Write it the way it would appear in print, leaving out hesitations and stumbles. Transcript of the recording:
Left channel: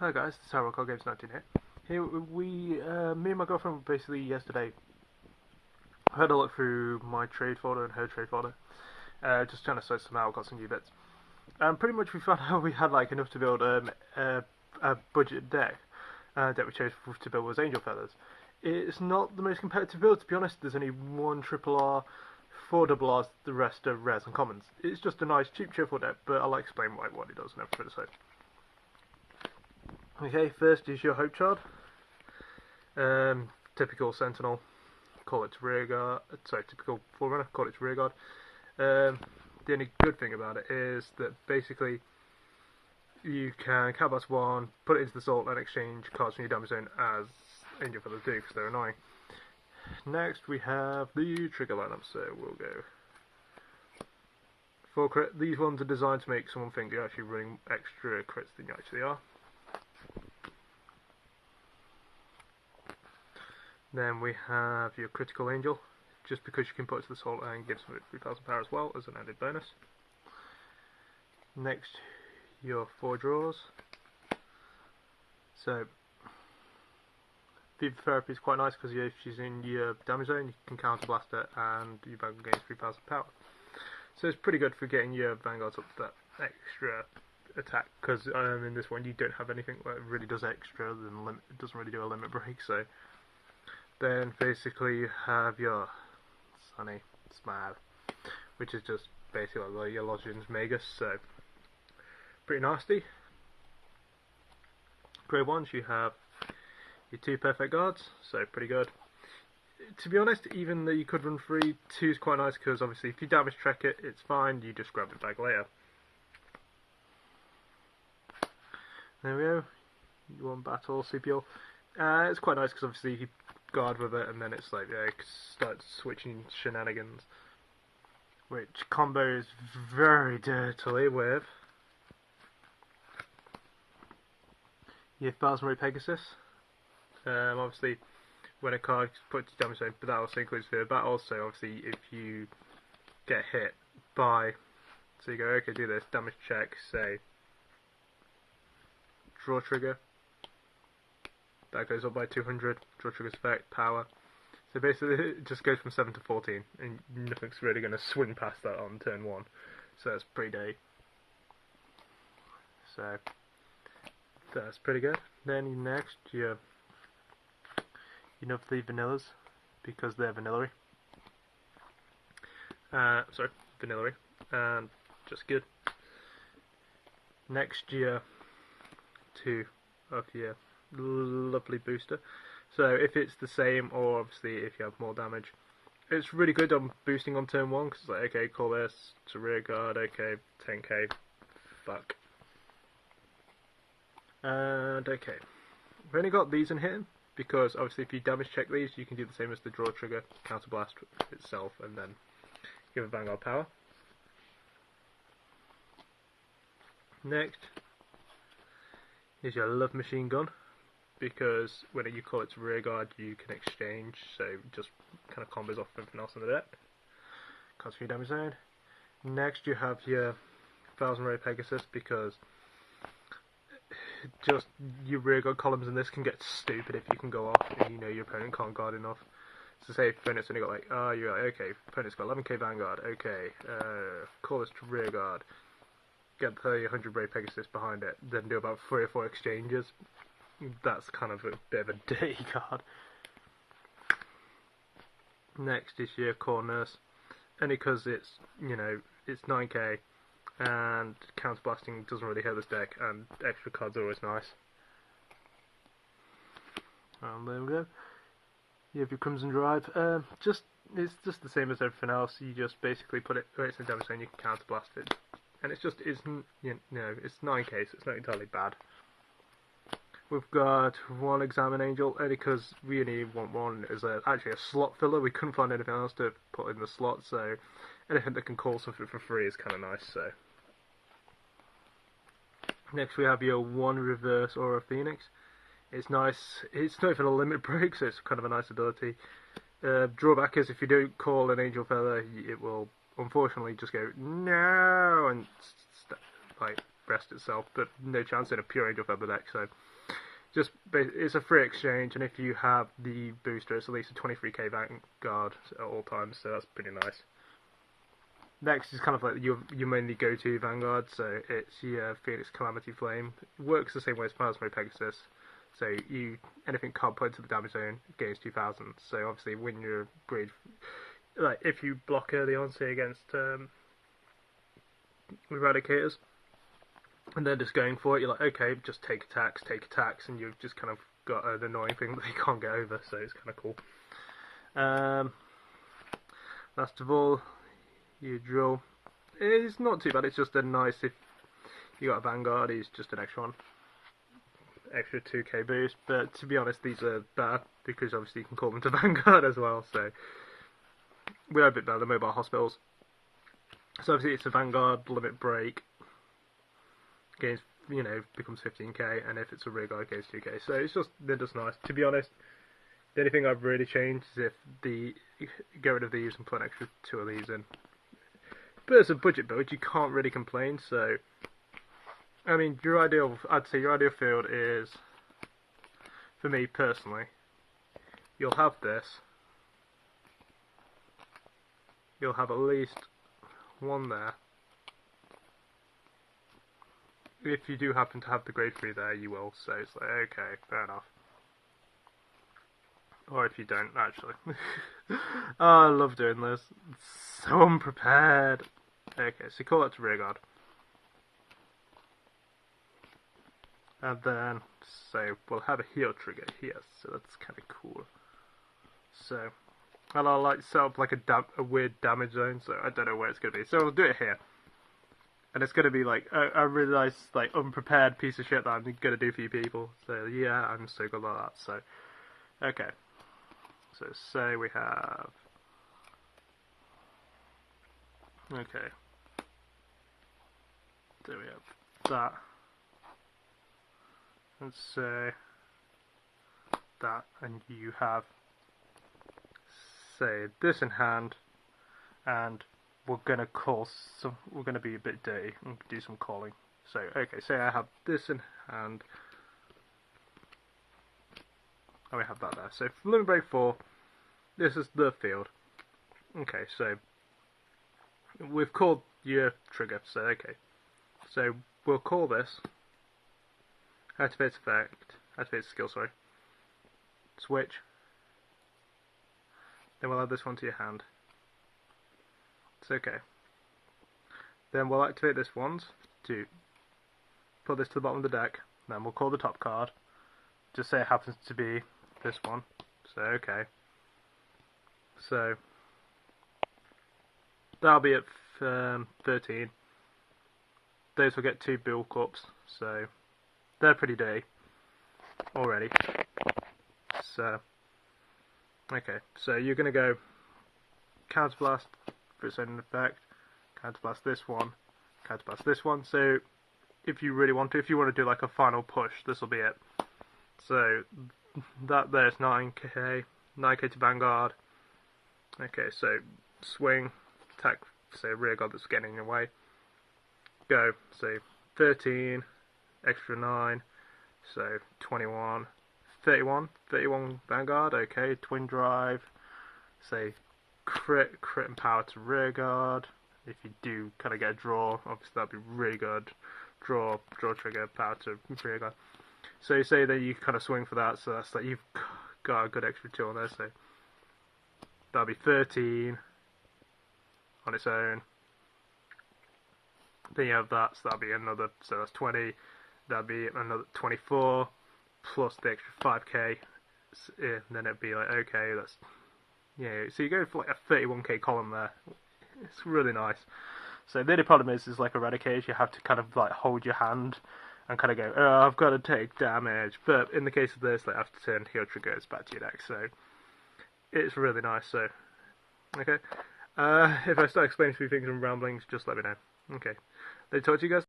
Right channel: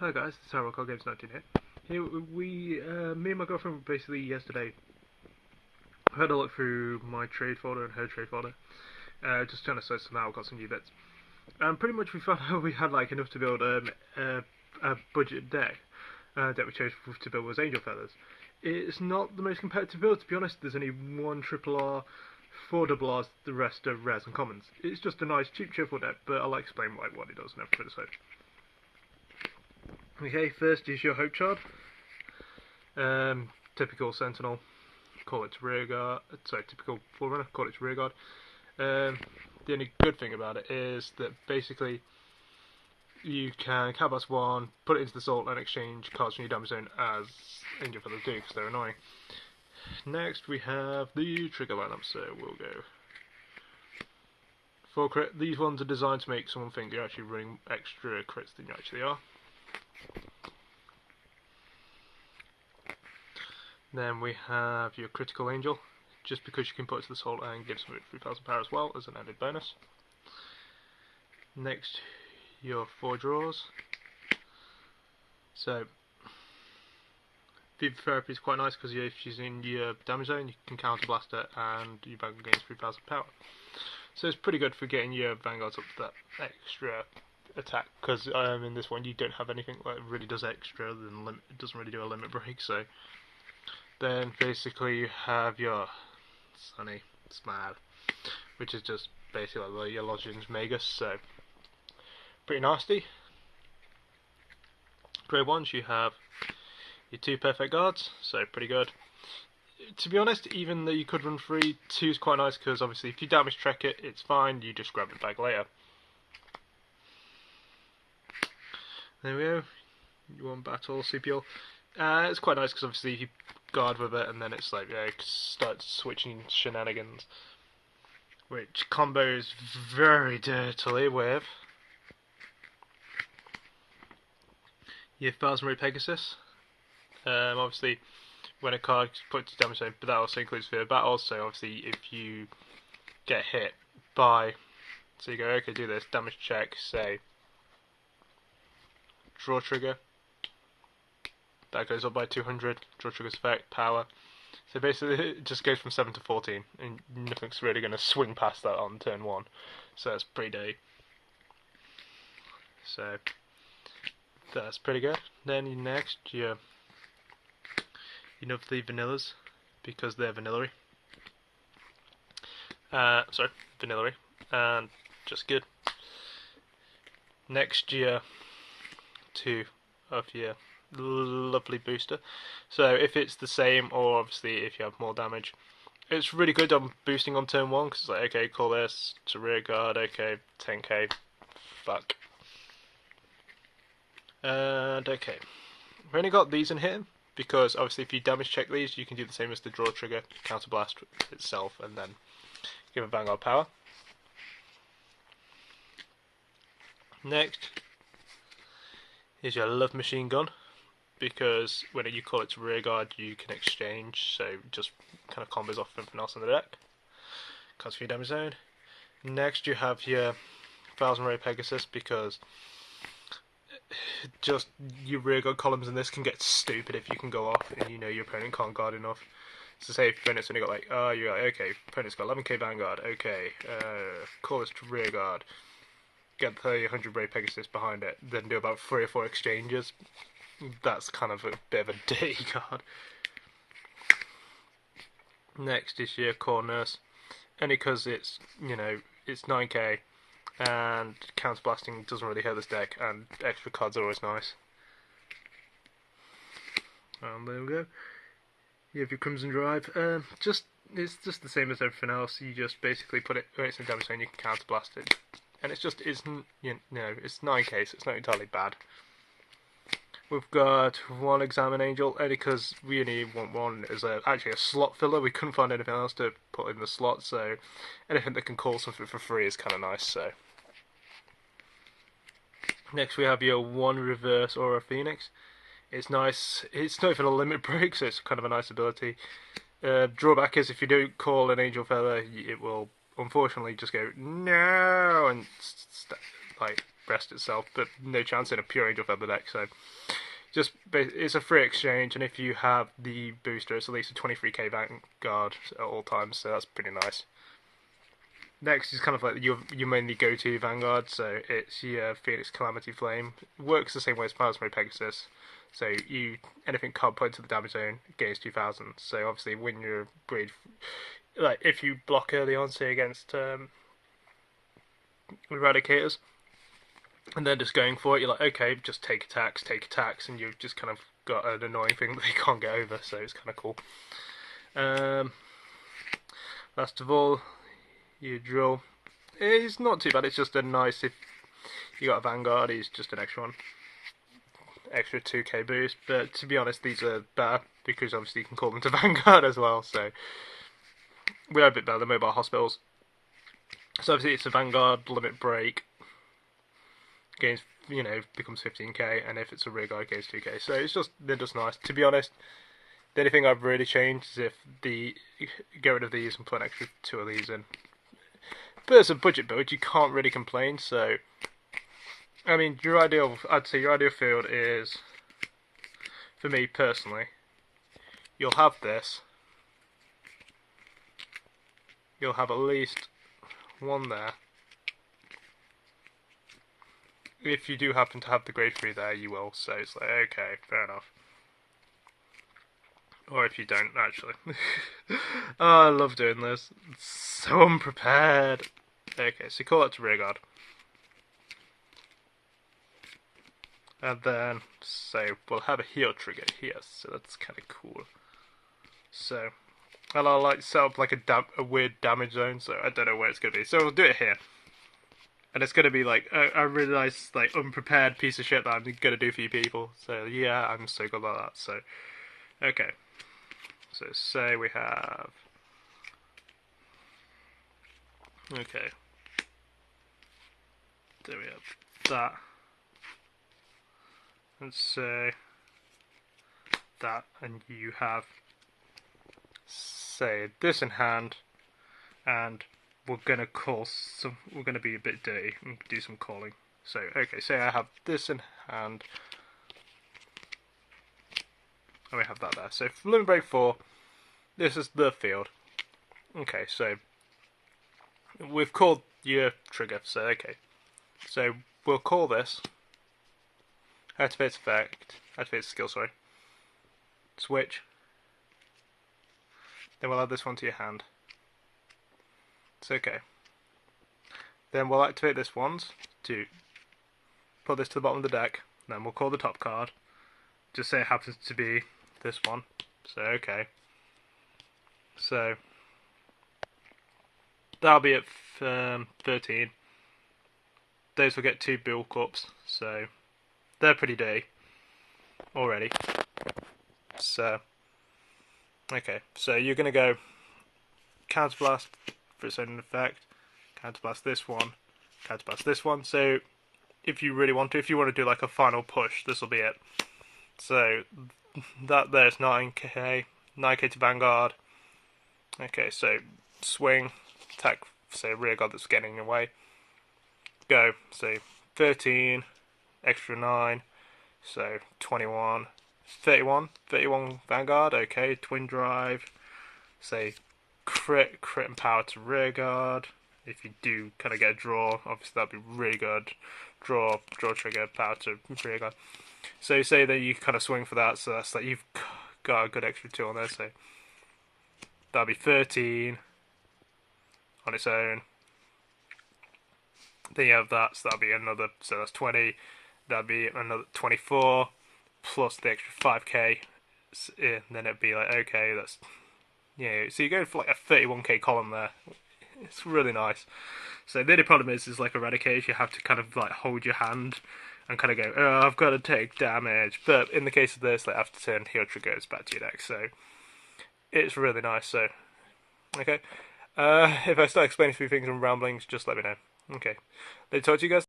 Hi guys, it's Harold Call Games 19 here. Me and my girlfriend basically yesterday had a look through my trade folder and her trade folder, just trying to search some out, got some new bits, and pretty much we found out we had like enough to build a budget deck. Deck we chose to build was Angel Feathers. It's not the most competitive build, to be honest. There's only one triple R, four double Rs, the rest are rares and commons. It's just a nice, cheap, cheerful deck, but I'll explain what it does and everything. So. Okay, first is your Hope Shard. Typical Sentinel, call it rear guard. Sorry, typical Forerunner, call it rear guard. The only good thing about it is that basically you can cast one, put it into the Salt, and exchange cards from your damage zone as Angel Feathers do because they're annoying. Next we have the trigger lineup, so we'll go. For crit, these ones are designed to make someone think you're actually running extra crits than you actually are. Then we have your Critical Angel, just because you can put it to the Salt and give some 3000 power as well as an added bonus. Next, your 4 draws. So, Viva Therapy is quite nice because if she's in your damage zone, you can counterblast her and your Vanguard gains 3000 power. So it's pretty good for getting your Vanguards up to that extra attack, because in this one you don't have anything that really does extra than limit. It doesn't really do a limit break, so. Then basically you have your Sunny Smile, which is just basically like your Logins Magus, so pretty nasty. Grade 1s you have your 2 Perfect Guards, so pretty good. To be honest, even though you could run 3, 2 is quite nice because obviously if you damage track it, it's fine, you just grab it back later. There we go, you want battle, CPL. It's quite nice because obviously you guard with it and then it's like, yeah, starts switching shenanigans, which combos very dirtily with your 1000 Ray Pegasus. Obviously when a card is put to damage zone, but that also includes fear battle, so obviously if you get hit by, so you go, okay, do this, damage check, say, draw trigger, that goes up by 200, draw trigger's effect, power. So basically it just goes from 7 to 14, and nothing's really going to swing past that on turn 1. So that's pretty dirty. So that's pretty good. Then next, you know the vanillas, because they're vanillary. Sorry, vanillary, and just good. Next year, 2 of your lovely booster. So if it's the same, or obviously if you have more damage, it's really good on boosting on turn 1 because it's like, okay, call this to rear guard, okay, 10k, fuck. And okay, we've only got these in here because obviously if you damage check these, you can do the same as the draw trigger, counterblast itself, and then give a Vanguard power. Next is your Love Machine Gun, because when you call it to rear guard, you can exchange, so just kind of combos off everything else in the deck. Cards for your damage zone. Next you have your 1000 Ray Pegasus, because just your rear guard columns in this can get stupid if you can go off and you know your opponent can't guard enough. So say if your opponent's only got like, oh, you're like, okay, opponent's got 11k Vanguard, okay, call this to rear guard, get the 100 Ray Pegasus behind it, then do about 3 or 4 exchanges. That's kind of a bit of a dirty card. Next is your Core Nurse, only because it's, you know, it's 9k and counterblasting doesn't really hurt this deck, and extra cards are always nice. And there we go. You have your Crimson Drive. It's just the same as everything else. You just basically put it where it's in damage zone, you can counterblast it, and it's 9k, so it's not entirely bad. We've got one Examine Angel, only because we only want one as actually a slot filler. We couldn't find anything else to put in the slot, so anything that can call something for free is kind of nice. So next we have your one Reverse Aura Phoenix. It's nice. It's not even a limit break, so it's kind of a nice ability. Drawback is if you don't call an Angel Feather, it will unfortunately just go no and like rest itself, but no chance in a pure Angel Feather deck. So just it's a free exchange, and if you have the booster, it's at least a 23k Vanguard at all times, so that's pretty nice. Next is kind of like your mainly go-to Vanguard, so it's your Phoenix Calamity Flame. It works the same way as Plasma Pegasus. So anything can't put into the damage zone gains 2000. So obviously when you're grade, like if you block early on, say against Eradicators, and they're just going for it, you're like, okay, just take attacks, and you've just kind of got an annoying thing that they can't get over. So it's kind of cool. Last of all, your drill. It's not too bad. It's just a nice, if you got a Vanguard, it's just an extra one. Extra 2k boost, but to be honest, these are better because obviously you can call them to Vanguard as well, so we are a bit better than Mobile Hospitals. So obviously it's a Vanguard limit break, gains, becomes 15k, and if it's a rear guard, gains 2k. So they're just nice. To be honest, the only thing I've really changed is if get rid of these and put an extra 2 of these in. But as a budget build, you can't really complain. So I mean, I'd say your ideal field is, for me personally, you'll have this. You'll have at least one there. If you do happen to have the grade 3 there, you will. So it's like, okay, fair enough. Or if you don't, actually. Oh, I love doing this. It's so unprepared. Okay, so call it to rearguard. And then, so we'll have a heal trigger here, so that's kind of cool. So, and I'll like set up like a weird damage zone, so I don't know where it's going to be. So we'll do it here. And it's going to be like a really nice, like, unprepared piece of shit that I'm going to do for you people. So yeah, I'm so good like that. So, okay. So say we have... Okay. There we have that. And say that, and you have, say, this in hand, and we're gonna we're gonna be a bit dirty and do some calling. So, okay, say I have this in hand, and we have that there. So, for Limit Break 4, this is the field. Okay, so we've called your trigger. So, okay, so we'll call this. Activates effect, activates skill, sorry. Switch. Then we'll add this one to your hand. It's okay. Then we'll activate this once to put this to the bottom of the deck. Then we'll call the top card. Just say it happens to be this one. So, okay. So, that'll be at 13. Those will get 2 Bull Cups, so they're pretty dirty already. So, okay, so you're going to go Counterblast for its own effect, Counterblast this one, Counterblast this one. So, if you really want to, if you want to do like a final push, this will be it. So, that there's 9k to Vanguard. Okay, so swing, attack, say rear guard that's getting in your way. Go, say 13. Extra 9, so 21, 31 Vanguard, okay, Twin Drive, say crit and power to rear guard. If you do kind of get a draw, obviously that'd be really good. Draw trigger, power to rear guard. So say that you kind of swing for that, so that's like you've got a good extra 2 on there, so that'd be 13 on its own. Then you have that, so that'll be another, so that's 20. That'd be another 24 plus the extra 5k, and then it'd be like, okay, that's, so you're going for like a 31k column there. It's really nice. So the only problem is like Eradicators, you have to kind of like hold your hand and kind of go, oh, I've got to take damage. But in the case of this, like after turn, heal trigger goes back to your deck, so it's really nice. So, okay. If I start explaining a few things and ramblings, just let me know. Okay. Let me talk to you guys.